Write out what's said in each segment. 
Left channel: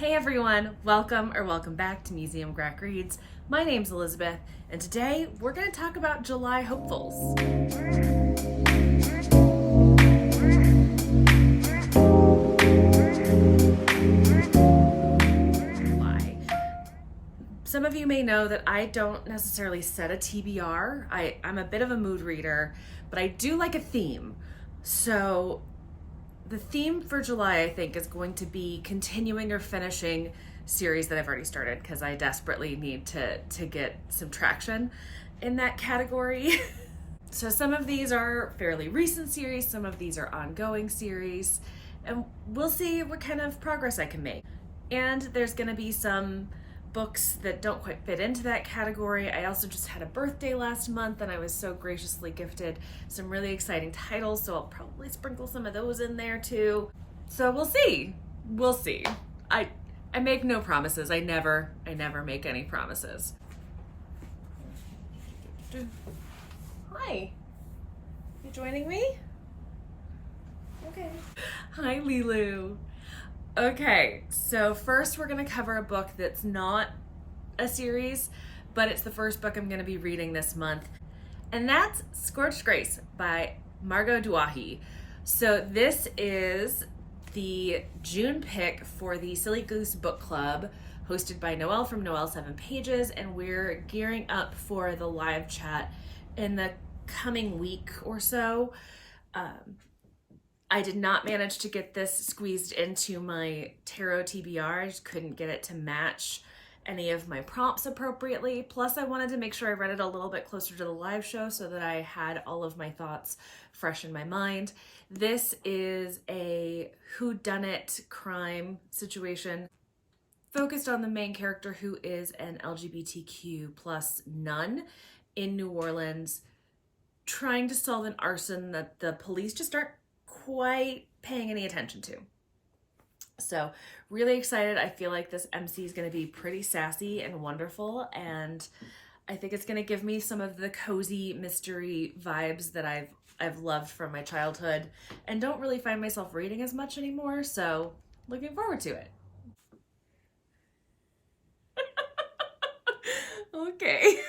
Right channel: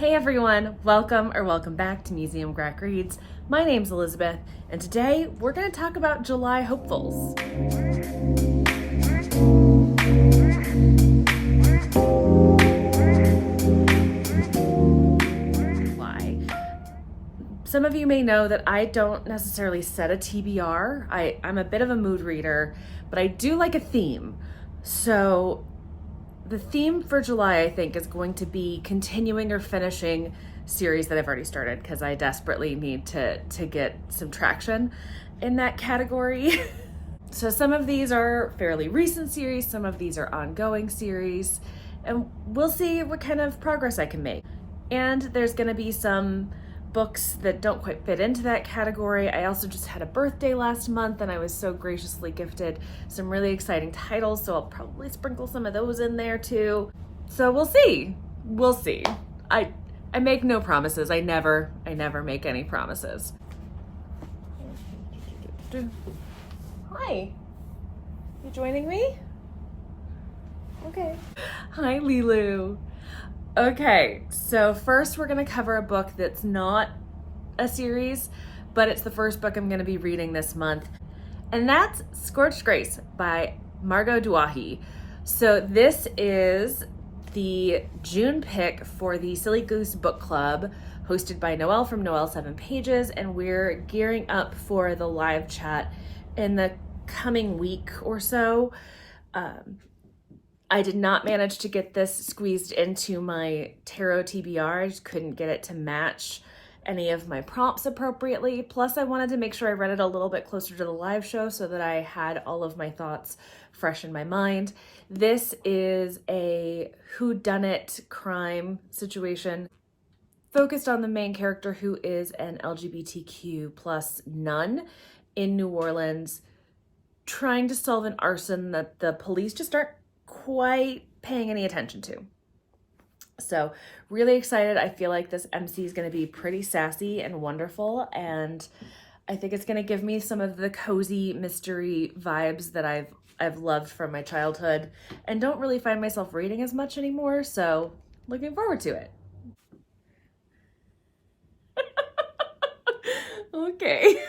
Hey everyone, welcome back to Museum Grack Reads. My name's Elizabeth, and today we're going to talk about July hopefuls. Some of you may know that I don't necessarily set a TBR. I'm a bit of a mood reader, but I do like a theme. So the theme for July, I think, is going to be continuing or finishing series that I've already started because I desperately need to get some traction in that category. So some of these are fairly recent series, some of these are ongoing series, and we'll see what kind of progress I can make. And there's gonna be some books that don't quite fit into that category. I also just had a birthday last month and I was so graciously gifted some really exciting titles, so I'll probably sprinkle some of those in there too. So we'll see. I make no promises. I never make any promises. Hi. You joining me? Okay. Hi, Lilu. Okay, so first we're going to cover a book that's not a series, but it's the first book I'm going to be reading this month, and that's Scorched Grace by Margot Duahi. So this is the June pick for the Silly Goose Book Club, hosted by Noelle from Noelle 7 Pages, and we're gearing up for the live chat in the coming week or so. I did not manage to get this squeezed into my tarot TBR. I just couldn't get it to match any of my prompts appropriately. Plus, I wanted to make sure I read it a little bit closer to the live show so that I had all of my thoughts fresh in my mind. This is a whodunit crime situation focused on the main character, who is an LGBTQ plus nun in New Orleans, trying to solve an arson that the police just aren't quite paying any attention to. So really excited. I feel like this MC is going to be pretty sassy and wonderful, and I think it's going to give me some of the cozy mystery vibes that I've loved from my childhood and don't really find myself reading as much anymore, so looking forward to it. Okay.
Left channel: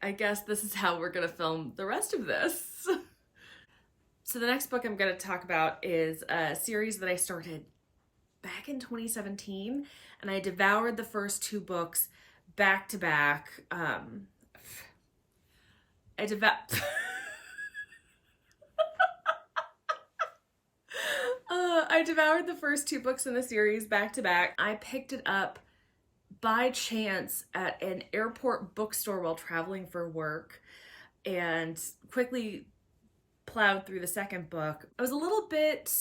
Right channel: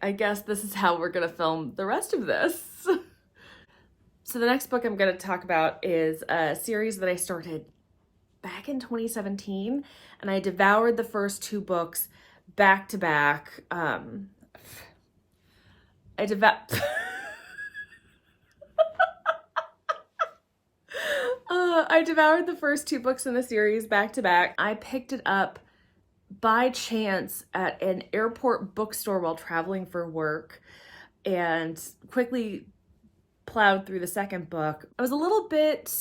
I guess this is how we're going to film the rest of this. So the next book I'm going to talk about is a series that I started back in 2017, and I devoured the first two books back to back. I devoured the first two books in the series back to back. I picked it up by chance at an airport bookstore while traveling for work and quickly plowed through the second book. I was a little bit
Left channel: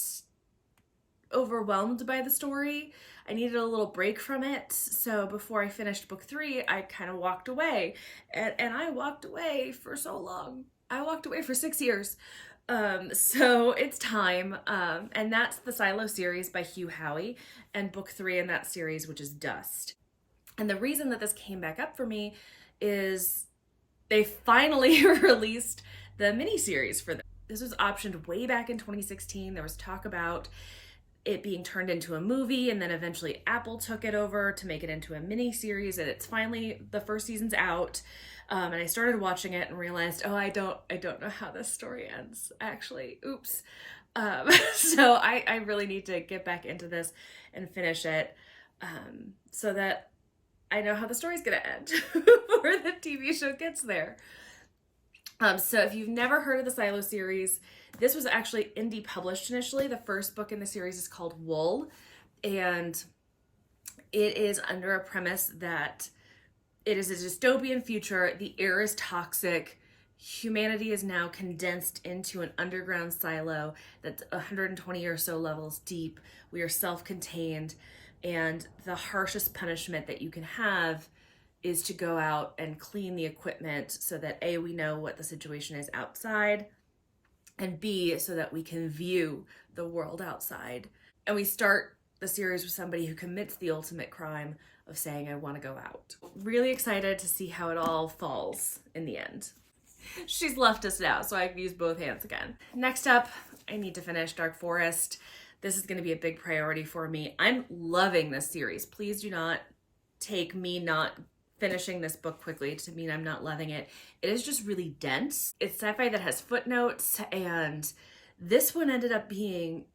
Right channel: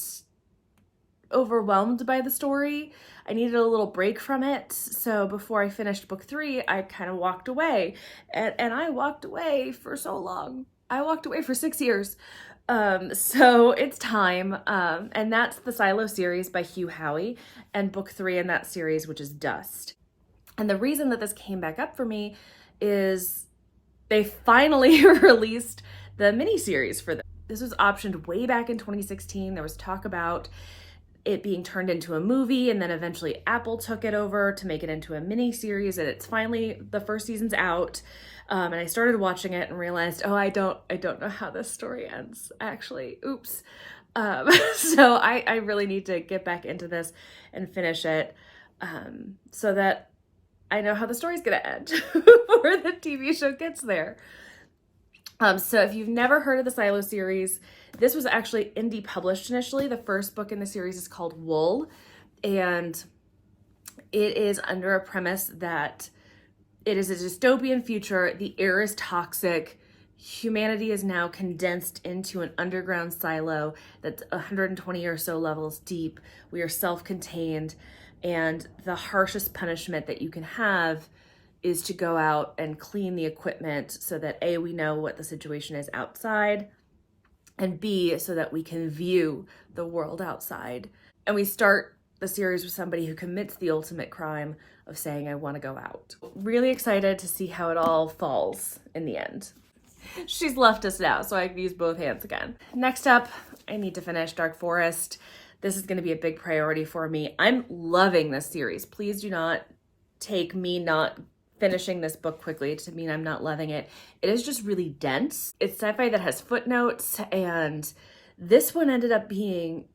overwhelmed by the story. I needed a little break from it. So before I finished book 3, I kind of walked away. And I walked away for so long. I walked away for 6 years. So it's time. And that's the Silo series by Hugh Howey, and book 3 in that series, which is Dust. And the reason that this came back up for me is they finally released the miniseries for this. This was optioned way back in 2016. There was talk about it being turned into a movie, and then eventually Apple took it over to make it into a miniseries, and it's finally, the first season's out. And I started watching it and realized, oh, I don't know how this story ends, actually. Oops. So I really need to get back into this and finish it so that I know how the story's gonna end before the TV show gets there. So if you've never heard of the Silo series, this was actually indie published initially. The first book in the series is called Wool, and it is under a premise that it is a dystopian future. The air is toxic. Humanity is now condensed into an underground silo that's 120 or so levels deep. We are self-contained, and the harshest punishment that you can have is to go out and clean the equipment so that A, we know what the situation is outside, and B, so that we can view the world outside. And we start the series with somebody who commits the ultimate crime of saying, I want to go out. Really excited to see how it all falls in the end. She's left us now, so I can use both hands again. Next up, I need to finish Dark Forest. This is going to be a big priority for me. I'm loving this series. Please do not take me not finishing this book quickly to mean I'm not loving it. It is just really dense. It's sci-fi that has footnotes, and this one ended up being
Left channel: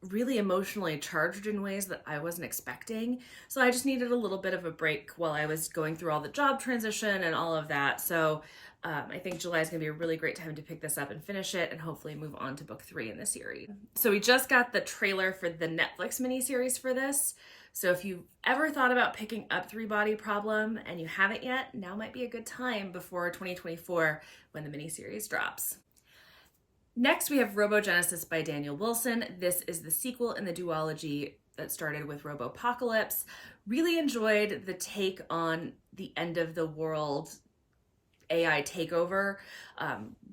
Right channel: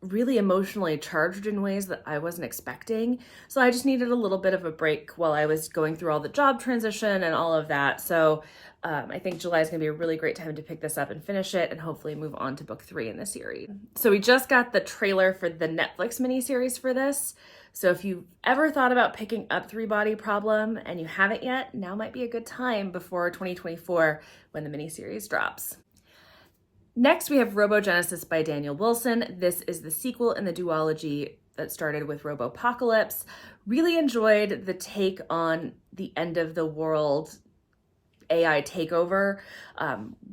really emotionally charged in ways that I wasn't expecting. So I just needed a little bit of a break while I was going through all the job transition and all of that. So I think July is going to be a really great time to pick this up and finish it and hopefully move on to book 3 in the series. So we just got the trailer for the Netflix miniseries for this. So if you've ever thought about picking up Three Body Problem and you haven't yet, now might be a good time before 2024 when the miniseries drops. Next, we have Robogenesis by Daniel Wilson. This is the sequel in the duology that started with Robopocalypse. Really enjoyed the take on the end of the world AI takeover,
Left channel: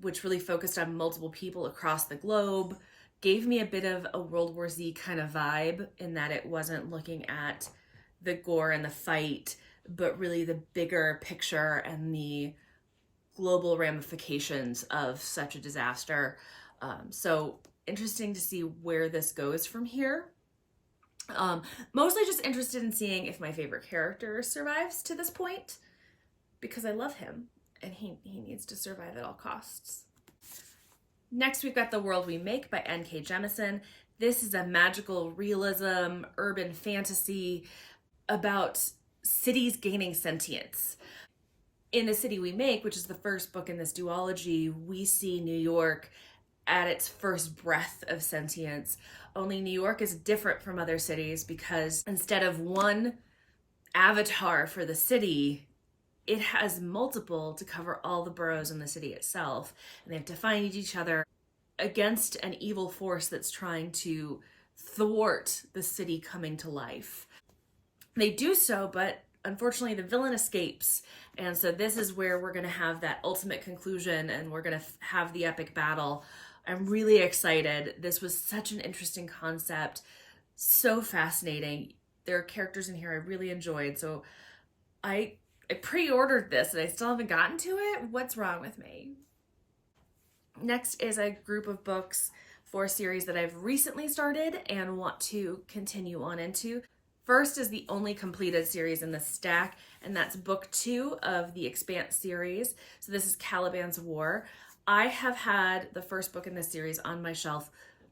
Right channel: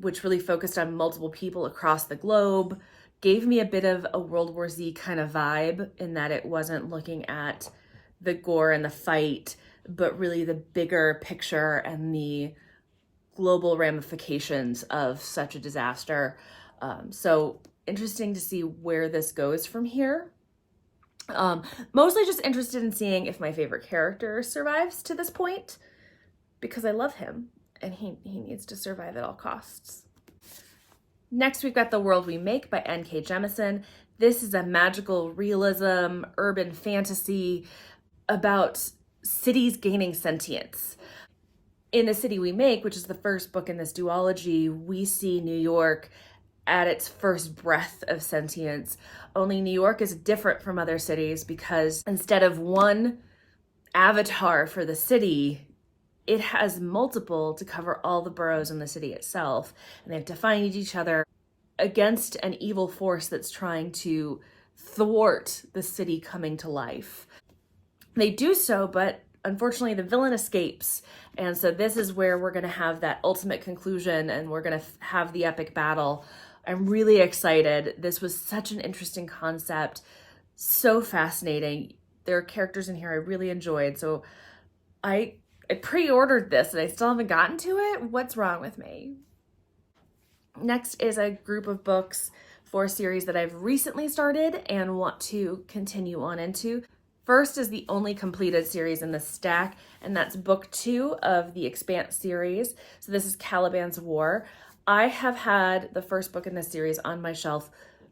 which really focused on multiple people across the globe. Gave me a bit of a World War Z kind of vibe in that it wasn't looking at the gore and the fight, but really the bigger picture and the global ramifications of such a disaster. So interesting to see where this goes from here. Mostly just interested in seeing if my favorite character survives to this point, because I love him and he needs to survive at all costs. Next, we've got The World We Make by N.K. Jemisin. This is a magical realism, urban fantasy about cities gaining sentience. In The City We Make, which is the first book in this duology, we see New York at its first breath of sentience. Only New York is different from other cities because instead of one avatar for the city, it has multiple to cover all the boroughs in the city itself. And they have to fight each other against an evil force that's trying to thwart the city coming to life. They do so, but unfortunately the villain escapes. And so this is where we're going to have that ultimate conclusion and we're going to have the epic battle. I'm really excited. This was such an interesting concept, so fascinating. There are characters in here I really enjoyed. So I pre-ordered this and I still haven't gotten to it. What's wrong with me? Next is a group of books for a series that I've recently started and want to continue on into. First is the only completed series in the stack, and that's book 2 of the Expanse series. So this is Caliban's War. I have had the first book in this series on my shelf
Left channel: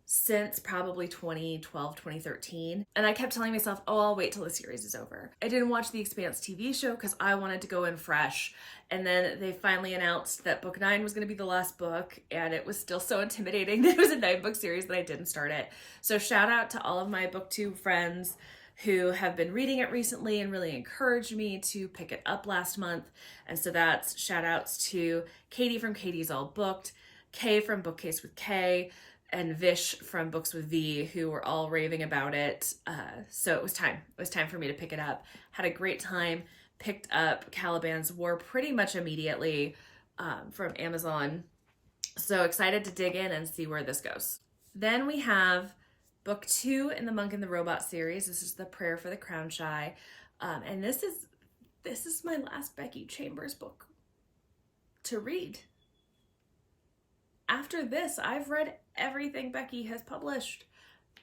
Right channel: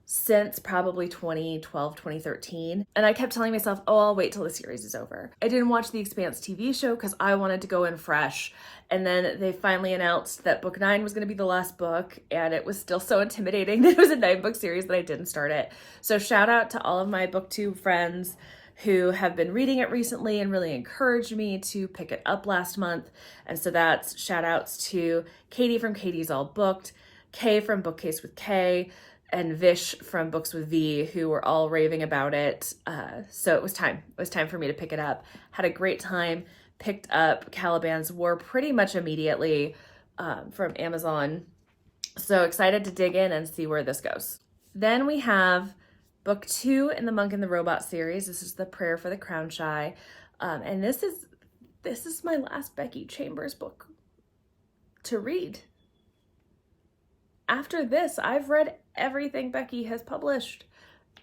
since probably 2012, 2013. And I kept telling myself, oh, I'll wait till the series is over. I didn't watch the Expanse TV show because I wanted to go in fresh. And then they finally announced that book 9 was going to be the last book, and it was still so intimidating that it was a 9-book series that I didn't start it. So shout out to all of my booktube friends who have been reading it recently and really encouraged me to pick it up last month. And so that's shout outs to Katie from Katie's All Booked, Kay from Bookcase with Kay, and Vish from Books with V, who were all raving about it. So it was time. It was time for me to pick it up. Had a great time. Picked up Caliban's War pretty much immediately from Amazon. So excited to dig in and see where this goes. Then we have book 2 in the Monk and the Robot series. This is The Prayer for the Crown Shy. And this is my last Becky Chambers book to read. After this, I've read everything Becky has published,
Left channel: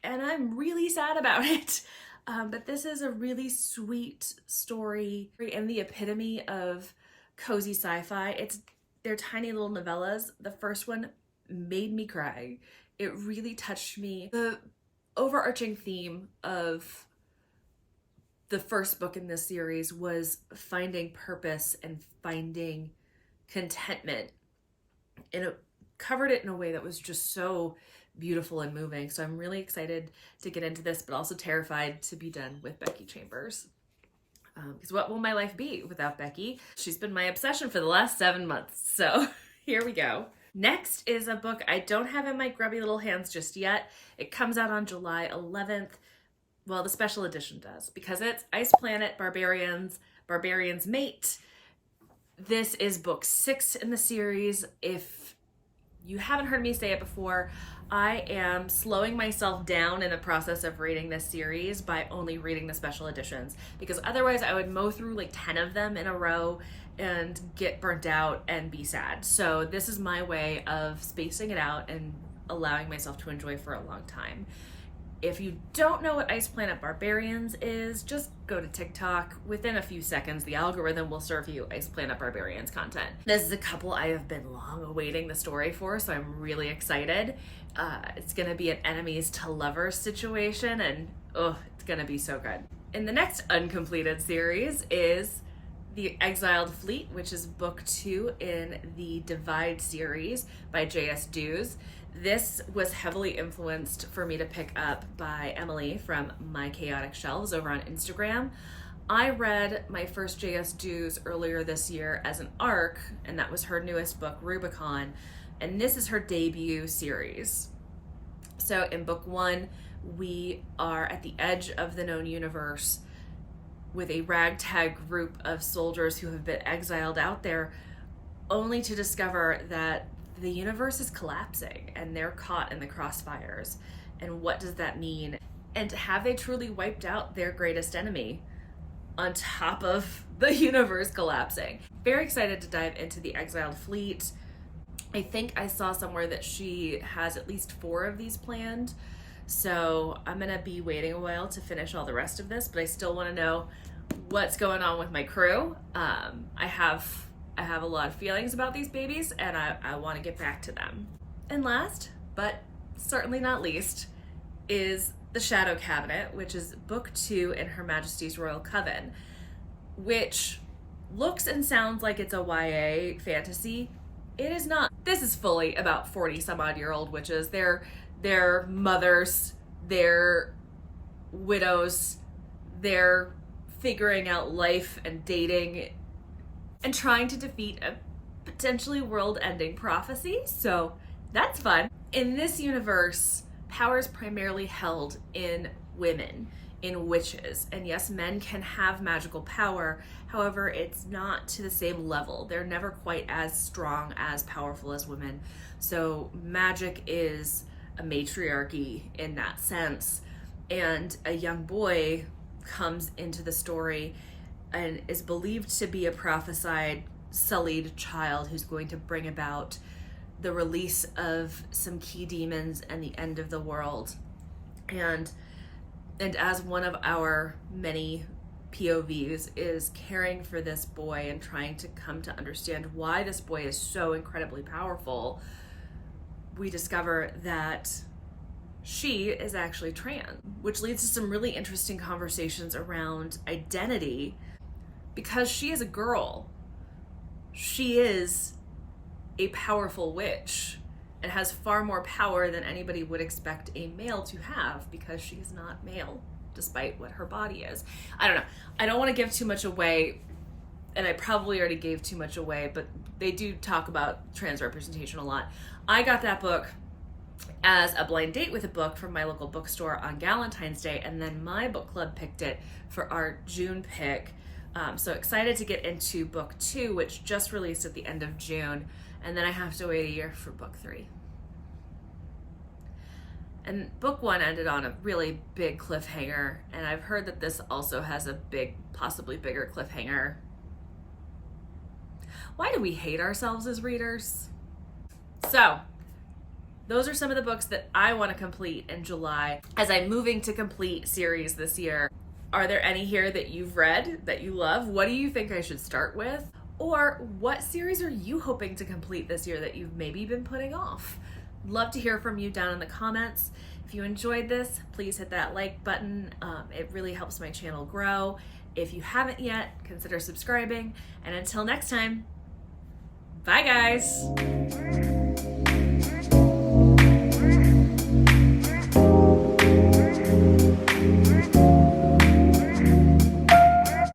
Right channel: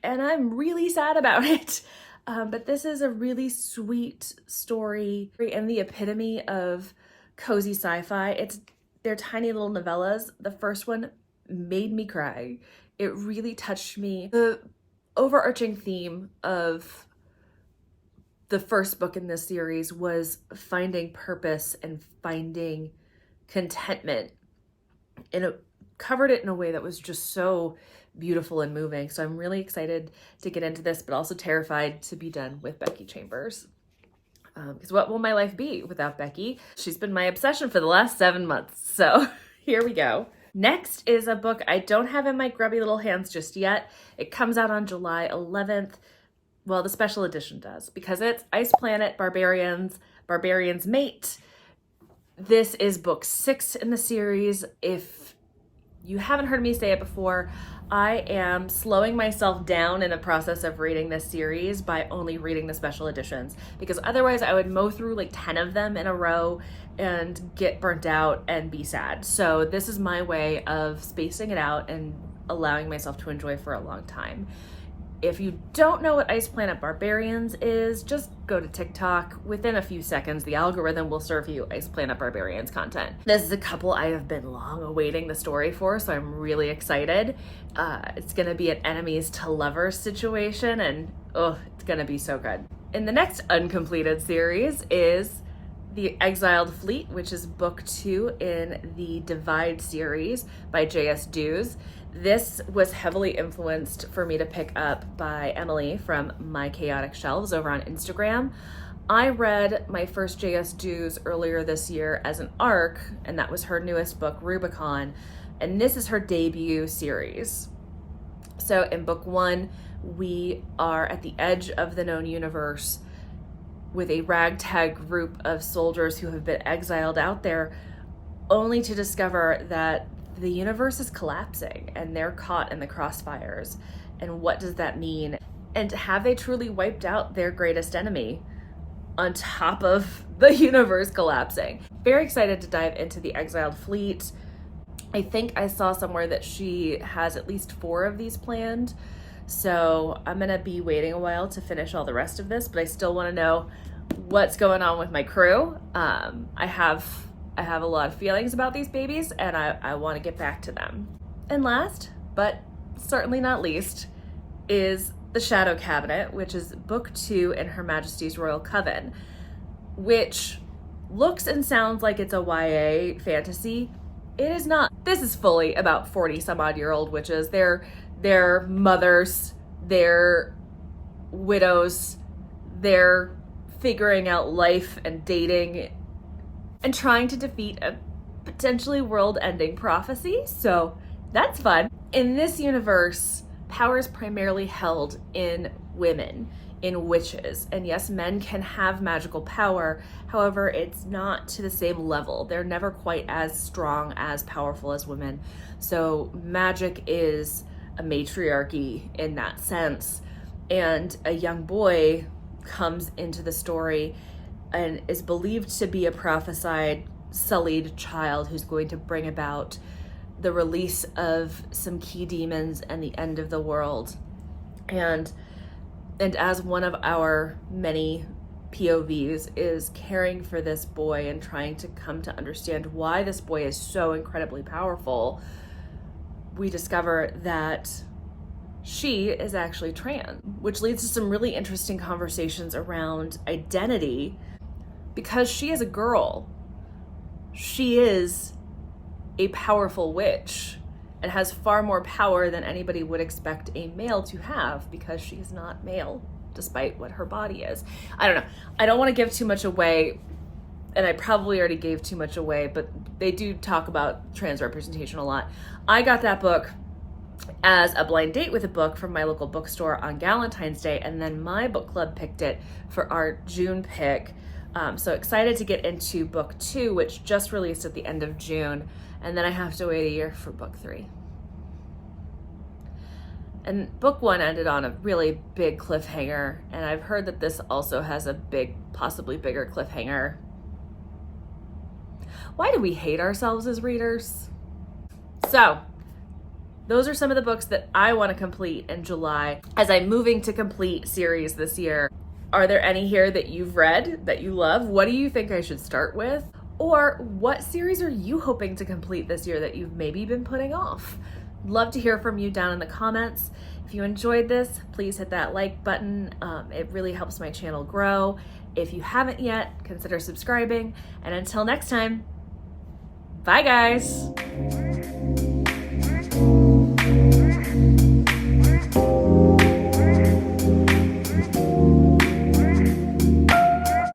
and I'm really sad about it. But this is a really sweet story and the epitome of cozy sci-fi. They're tiny little novellas. The first one made me cry. It really touched me. The overarching theme of the first book in this series was finding purpose and finding contentment. And it covered it in a way that was just so beautiful and moving. So I'm really excited to get into this, but also terrified to be done with Becky Chambers. Because what will my life be without Becky? She's been my obsession for the last 7 months. So here we go. Next is a book I don't have in my grubby little hands just yet. It comes out on July 11th. Well, the special edition does, because it's Ice Planet Barbarians, Barbarian's Mate. This is book 6 in the series. If you haven't heard me say it before, I am slowing myself down in the process of reading this series by only reading the special editions, because otherwise I would mow through like 10 of them in a row and get burnt out and be sad. So this is my way of spacing it out and allowing myself to enjoy for a long time. If you don't know what Ice Planet Barbarians is, just go to TikTok. Within a few seconds, the algorithm will serve you Ice Planet Barbarians content. This is a couple I have been long awaiting the story for, so I'm really excited. It's gonna be an enemies to lovers situation, and it's gonna be so good. And the next uncompleted series is the Exiled Fleet, which is book 2 in the Divide series by J.S. Dews. This was heavily influenced for me to pick up by Emily from My Chaotic Shelves over on Instagram. I read my first J.S. Dews earlier this year as an ARC, and that was her newest book, Rubicon, and this is her debut series. So in book 1, we are at the edge of the known universe with a ragtag group of soldiers who have been exiled out there, only to discover that the universe is collapsing and they're caught in the crossfires. And what does that mean? And have they truly wiped out their greatest enemy on top of the universe collapsing? Very excited to dive into the Exiled Fleet. I think I saw somewhere that she has at least 4 of these planned. So I'm gonna be waiting a while to finish all the rest of this, but I still wanna know what's going on with my crew. I have a lot of feelings about these babies, and I want to get back to them. And last, but certainly not least, is The Shadow Cabinet, which is book 2 in Her Majesty's Royal Coven, which looks and sounds like it's a YA fantasy. It is not. This is fully about 40-some-odd-year-old witches. They're mothers, they're widows, they're figuring out life and dating and trying to defeat a potentially world-ending prophecy, so that's fun. In this universe, power is primarily held in women, in witches, and yes, men can have magical power, however, it's not to the same level. They're never quite as strong, as powerful as women, so magic is a matriarchy in that sense, and a young boy comes into the story and is believed to be a prophesied sullied child who's going to bring about the release of some key demons and the end of the world. And as one of our many POVs is caring for this boy and trying to come to understand why this boy is so incredibly powerful, we discover that she is actually trans, which leads to some really interesting conversations around identity. Because she is a girl, she is a powerful witch and has far more power than anybody would expect a male to have, because she is not male, despite what her body is. I don't know. I don't want to give too much away, and I probably already gave too much away, but they do talk about trans representation a lot. I got that book as a blind date with a book from my local bookstore on Valentine's Day, and then my book club picked it for our June pick. So excited to get into book 2, which just released at the end of June, and then I have to wait a year for book 3. And book 1 ended on a really big cliffhanger, and I've heard that this also has a big, possibly bigger cliffhanger. Why do we hate ourselves as readers? So those are some of the books that I want to complete in July as I'm moving to complete series this year. Are there any here that you've read that you love? What do you think I should start with? Or what series are you hoping to complete this year that you've maybe been putting off? Love to hear from you down in the comments. If you enjoyed this, please hit that like button. It really helps my channel grow. If you haven't yet, consider subscribing. And until next time, bye guys.